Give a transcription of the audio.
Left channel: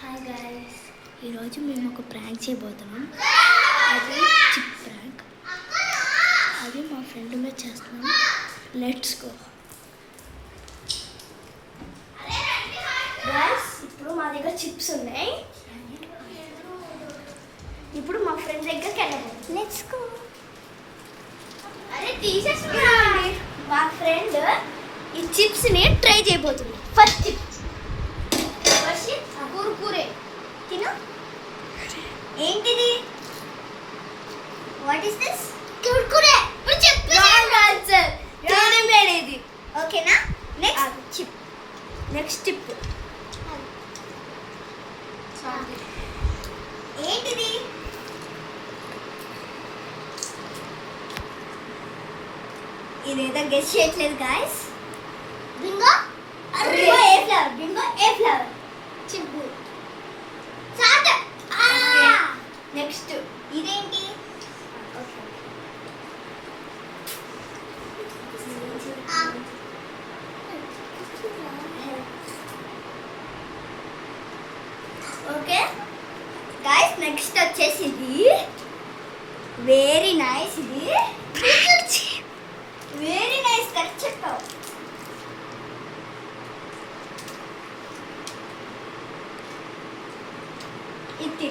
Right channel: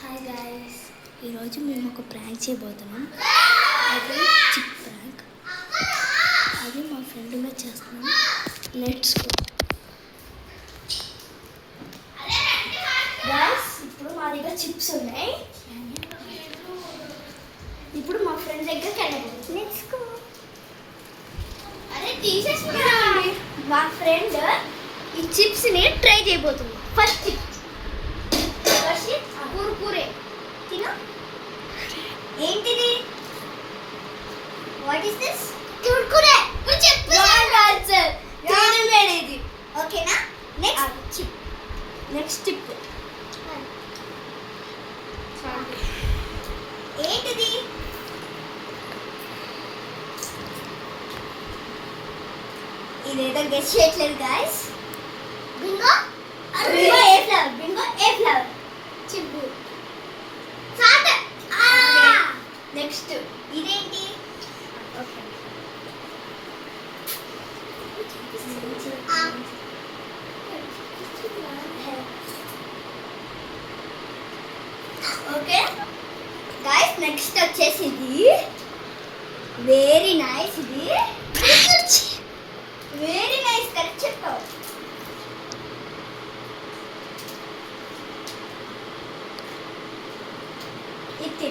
Hi guys, ఈరోజు మేము ఒక ప్రాంక్ చేయబోతున్నాం. అది చిప్ ప్రాంక్. అది మా ఫ్రెండ్ మీద చేస్తున్నాం. Let's go guys. ఇప్పుడు మా దగ్గర చిప్స్ ఉన్నాయి. ఇప్పుడు మా ఫ్రెండ్ దగ్గరికి వెళ్ళబోతుంది. Let's go. అరే తీసేసుకున్నామండి. మా ఫ్రెండ్ ఈ చిప్స్ని ట్రై చేయబోతుంది. ఫస్ట్ చిప్ కుర్కురే తిను. ఏంటిది? What is this? కుర్కురే. ఇప్పుడు చెప్పు. Wrong answer. ఇది ఓకేనా? Next chip. నెక్స్ట్ చిప్ ఏంటిది? ఇదేదో గెస్ చేయట్లేదు గాయ్స్. బింగో. బింగో ఏ ఫ్లేవర్? బింగో ఏ ఫ్లేవర్? చిప్పు. చాట్. నెక్స్ట్ ఇదేంటి? ఓకే గాయ్స్, నెక్స్ట్ వచ్చేసి ఇది వెరీ నైస్. ఇది వెరీ నైస్. కరెక్ట్ చెప్పావు. ఇది